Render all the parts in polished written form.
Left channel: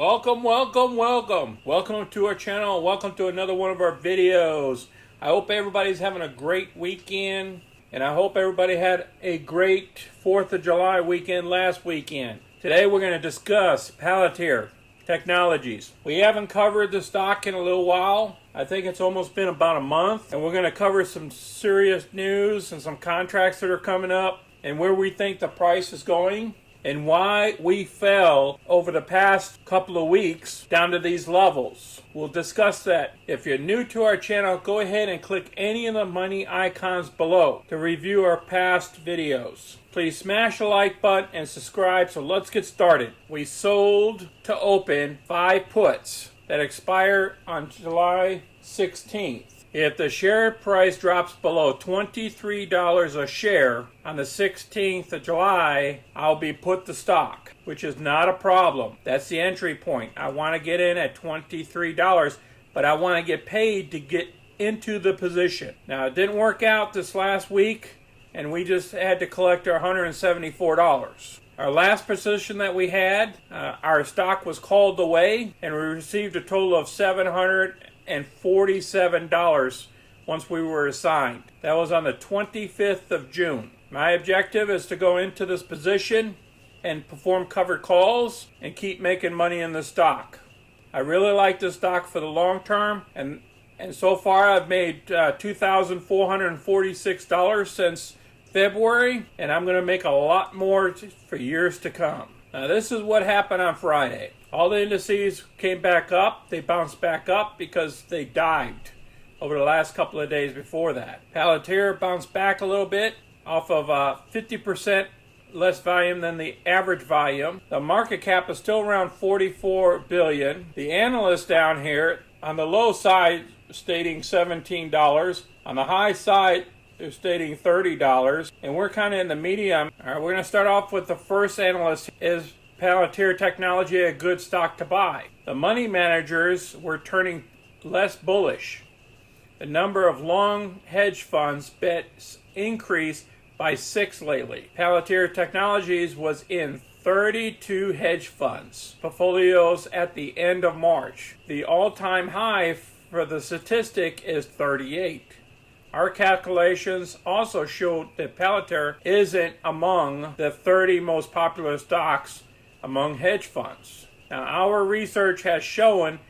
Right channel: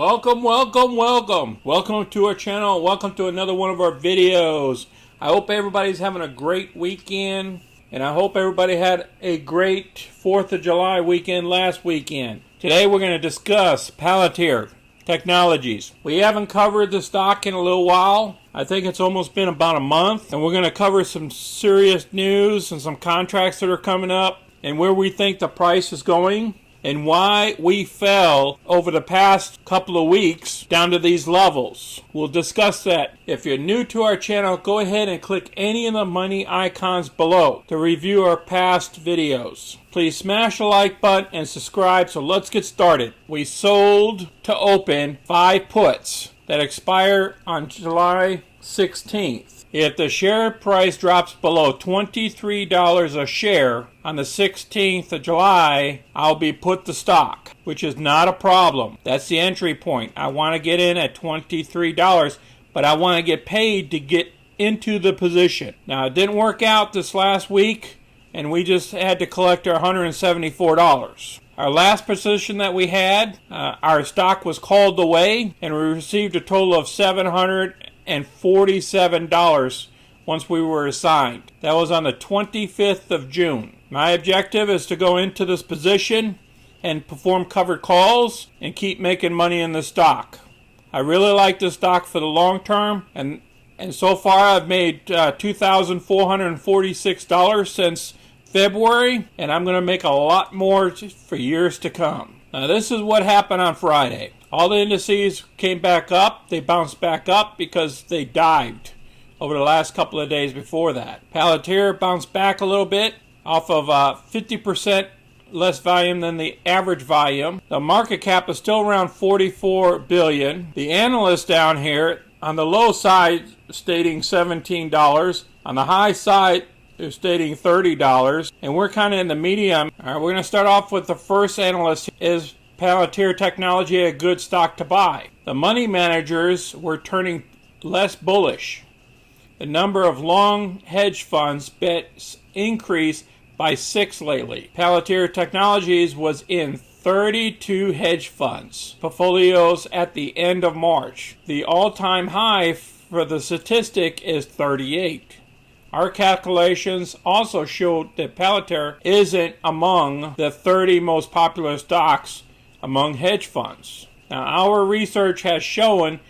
Welcome to our channel. Welcome to another one of our videos. I hope everybody's having a great weekend, and I hope everybody had a great 4th of July weekend last weekend. Today we're going to discuss Palantir Technologies. We haven't covered the stock in a little while. I think it's almost been about a month, and we're going to cover some serious news and some contracts that are coming up and where we think the price is going, and why we fell over the past couple of weeks down to these levels. We'll discuss that. If you're new to our channel, go ahead and click any of the money icons below to review our past videos. Please smash the like button and subscribe. So let's get started. We sold to open 5 puts that expire on July 16th. If the share price drops below $23 a share on the 16th of July, I'll be put the stock, which is not a problem. That's the entry point. I want to get in at $23, but I want to get paid to get into the position. Now, it didn't work out this last week, and we just had to collect our $174. Our last position that we had, our stock was called away, and we received a total of $747 once we were assigned. That was on the 25th of June. My objective is to go into this position and perform covered calls and keep making money in the stock. I really like this stock for the long term, and so far I've made $2,446 since February, and I'm going to make a lot more for years to come. Now, this is what happened on Friday. All the indices came back up. They bounced back up because they dived over the last couple of days before that. Palantir bounced back a little bit off of 50% less volume than the average volume. The market cap is still around $44 billion. The analyst down here on the low side stating $17. On the high side they're stating $30, and we're kind of in the medium. All right, we're going to start off with the first analyst. Is Palantir Technology a good stock to buy? The money managers were turning less bullish. The number of long hedge funds bets increased by 6 lately. Palantir Technologies was in 32 hedge funds portfolios at the end of March. The all-time high for the statistic is 38. Our calculations also showed that Palantir isn't among the 30 most popular stocks among hedge funds. Now, our research has shown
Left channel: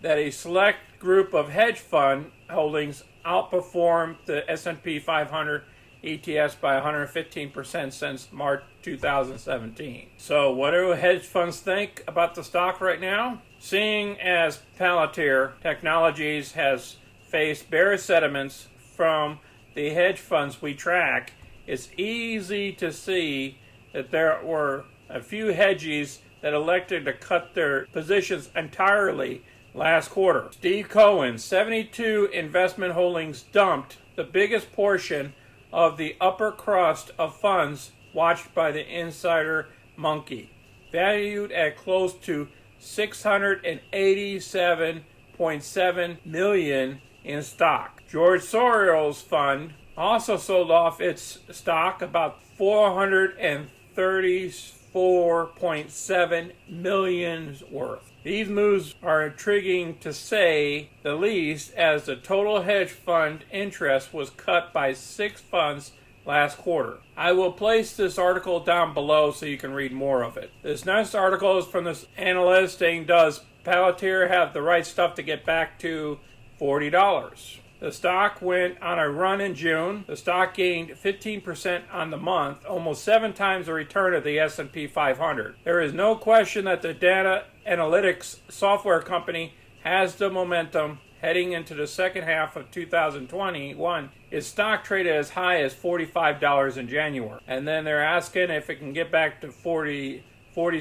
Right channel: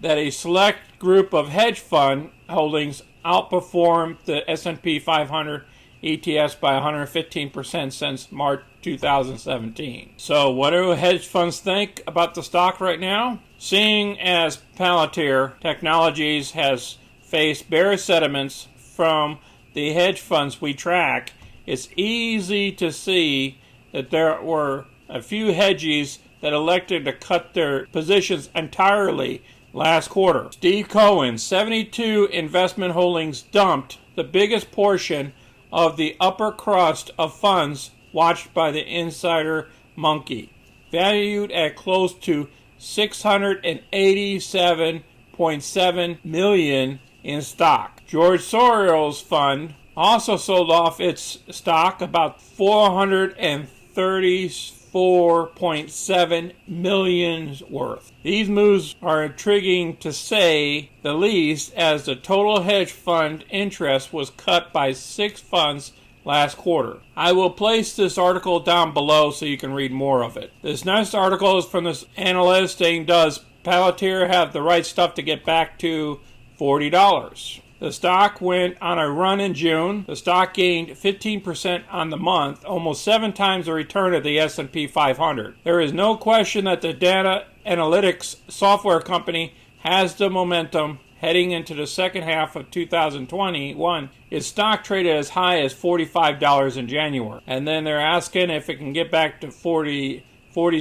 that a select group of hedge fund holdings outperformed the S&P 500 ETFs by 115% since March 2017. So what do hedge funds think about the stock right now? Seeing as Palantir Technologies has faced bearish sentiments from the hedge funds we track, it's easy to see that there were a few hedgies that elected to cut their positions entirely last quarter. Steve Cohen, 72 investment holdings dumped the biggest portion of the upper crust of funds watched by the insider monkey, valued at close to $687.7 million in stock. George Sorrell's fund also sold off its stock about $434.7 million worth. These moves are intriguing to say the least, as the total hedge fund interest was cut by 6 funds last quarter. I will place this article down below so you can read more of it. This next article is from this analyst saying, does Palantir have the right stuff to get back to $40? The stock went on a run in June. The stock gained 15% on the month, almost 7 times the return of the S&P 500. There is no question that the data analytics software company has the momentum heading into the second half of 2021. Its stock traded as high as $45 in January. And then they're asking if it can get back to 40s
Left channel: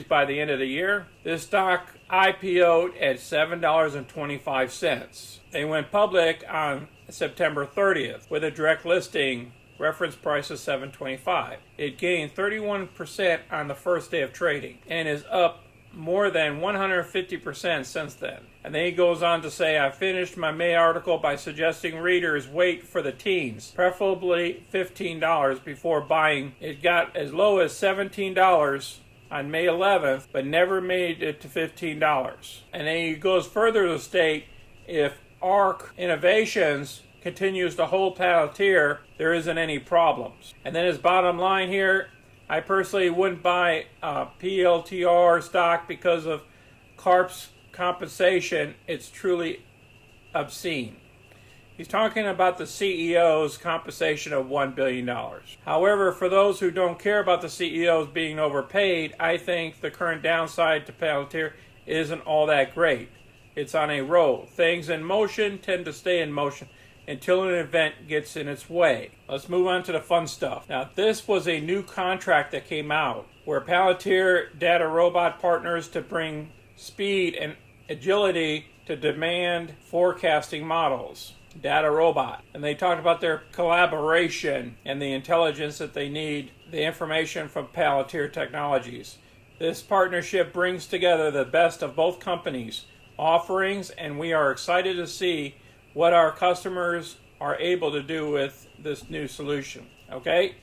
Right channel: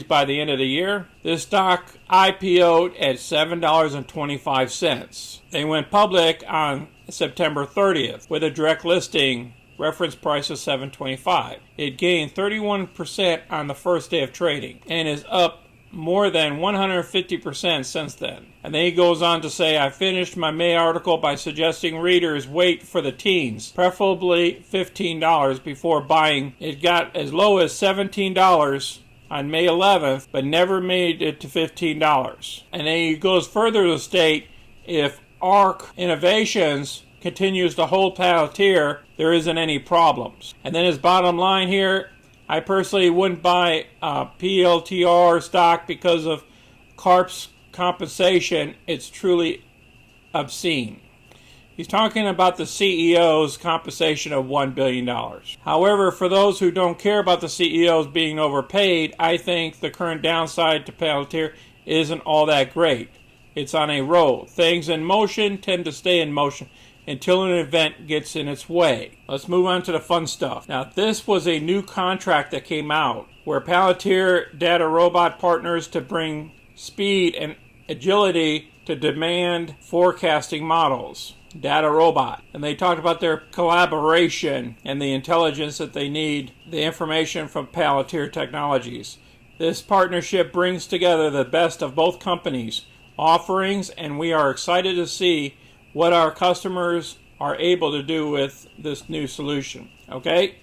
by the end of the year. This stock IPO'd at $7.25. They went public on September 30th with a direct listing reference price of $7.25. It gained 31% on the first day of trading and is up more than 150% since then. And then he goes on to say, I finished my May article by suggesting readers wait for the teens, preferably $15 before buying. It got as low as $17 on May 11th, but never made it to $15. And then he goes further to state if ARC Innovations continues to hold Palantir, there isn't any problems. And then his bottom line here, I personally wouldn't buy PLTR stock because of CARP's compensation. It's truly obscene. He's talking about the CEO's compensation of $1 billion. However, for those who don't care about the CEOs being overpaid, I think the current downside to Palantir isn't all that great. It's on a roll. Things in motion tend to stay in motion until an event gets in its way. Let's move on to the fun stuff. Now, this was a new contract that came out where Palantir Data Robot partners to bring speed and agility to demand forecasting models. Data Robot. And they talked about their collaboration and the intelligence that they need, the information from Palantir Technologies. This partnership brings together the best of both companies' offerings, and we are excited to see what our customers are able to do with this new solution. Okay,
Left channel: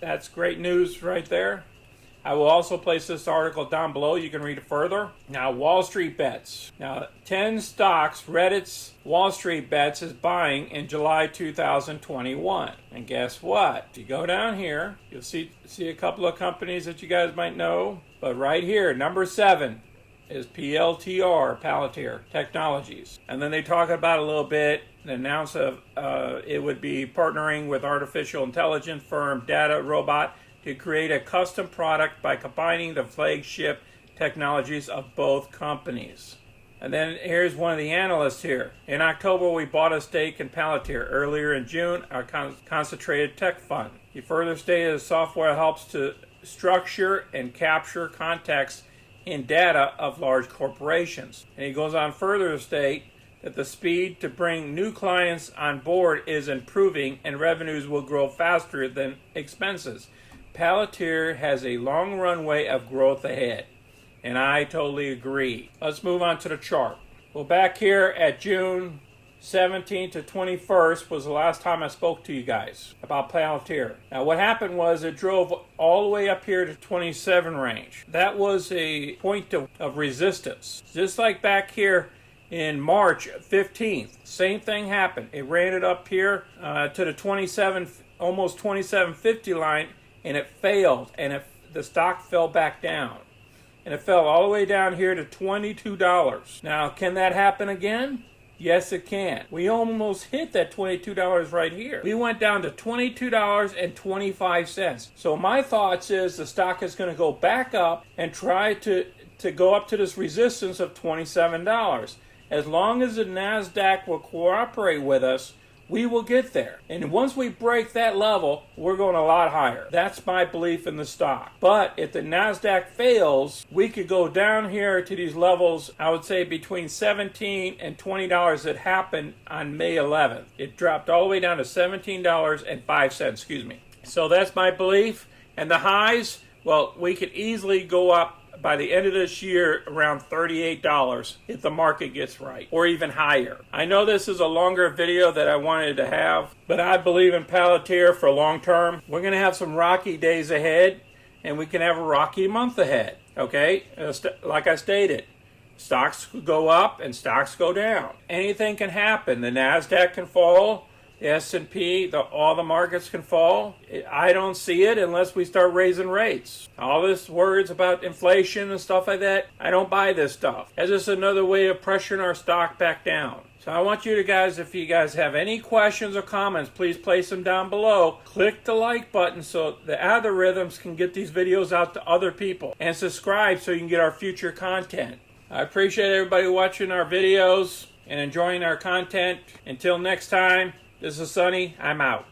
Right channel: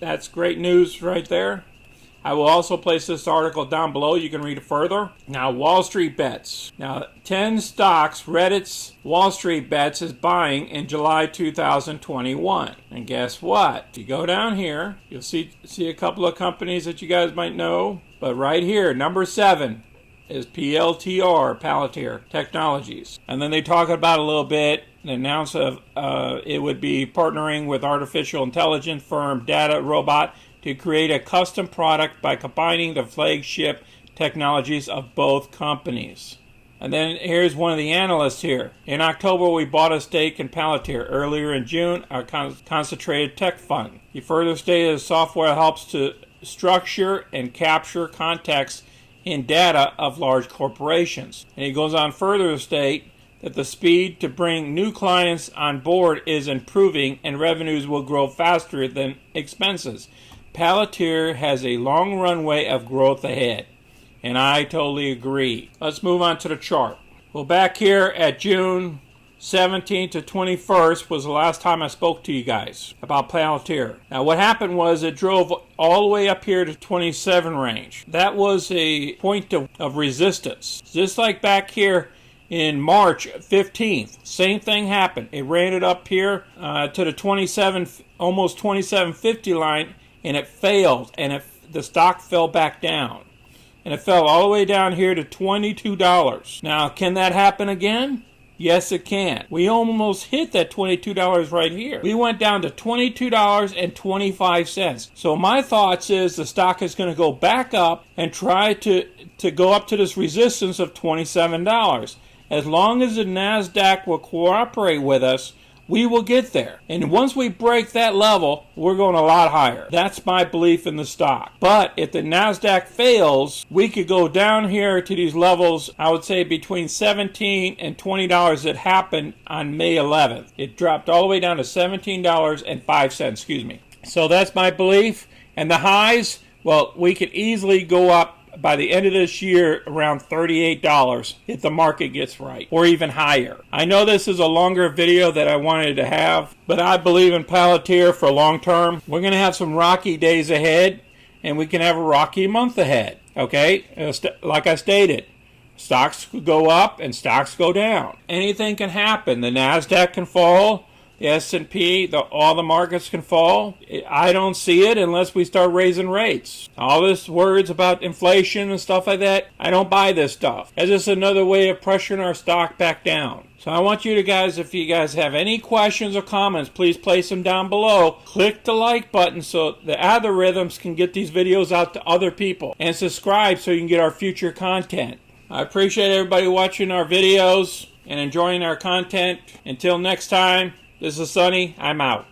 that's great news right there. I will also place this article down below. You can read it further. Now, Wall Street bets. Now, 10 stocks Reddit's Wall Street bets is buying in July 2021. And guess what? If you go down here, you'll see a couple of companies that you guys might know. But right here, number 7 is PLTR Palantir Technologies. And then they talk about a little bit and announce it would be partnering with artificial intelligence firm Data Robot to create a custom product by combining the flagship technologies of both companies. And then here's one of the analysts here. In October, we bought a stake in Palantir. Earlier in June, our concentrated tech fund. He further stated the software helps to structure and capture context in data of large corporations. And he goes on further to state that the speed to bring new clients on board is improving and revenues will grow faster than expenses. Palantir has a long runway of growth ahead, and I totally agree. Let's move on to the chart. Well, back here at June 17th to 21st was the last time I spoke to you guys about Palantir. Now, what happened was it drove all the way up here to 27 range. That was a point of resistance. Just like back here in March 15th, same thing happened. It ran it up here to the almost 27.50 line, and it failed, and the stock fell back down. And it fell all the way down here to $22. Now, can that happen again? Yes, it can. We almost hit that $22 right here. We went down to $22.25. So my thoughts is the stock is going to go back up and try to go up to this resistance of $27. As long as the NASDAQ will cooperate with us, we will get there. And once we break that level, we're going a lot higher. That's my belief in the stock. But if the NASDAQ fails, we could go down here to these levels, I would say between $17 and $20 that happened on May 11th. It dropped all the way down to $17.05, So that's my belief. And the highs, well, we could easily go up by the end of this year around $38 if the market gets right, or even higher. I know this is a longer video that I wanted to have, but I believe in Palantir for long term. We're going to have some rocky days ahead, and we can have a rocky month ahead. Okay, like I stated, stocks could go up and stocks go down. Anything can happen. The NASDAQ can fall. The S&P, all the markets can fall. I don't see it unless we start raising rates. All this words about inflation and stuff like that, I don't buy this stuff. It's just another way of pressuring our stock back down. So I want you to guys, if you guys have any questions or comments, please place them down below. Click the like button so the algorithms can get these videos out to other people. And subscribe so you can get our future content. I appreciate everybody watching our videos and enjoying our content. Until next time. This is Sonny. I'm out.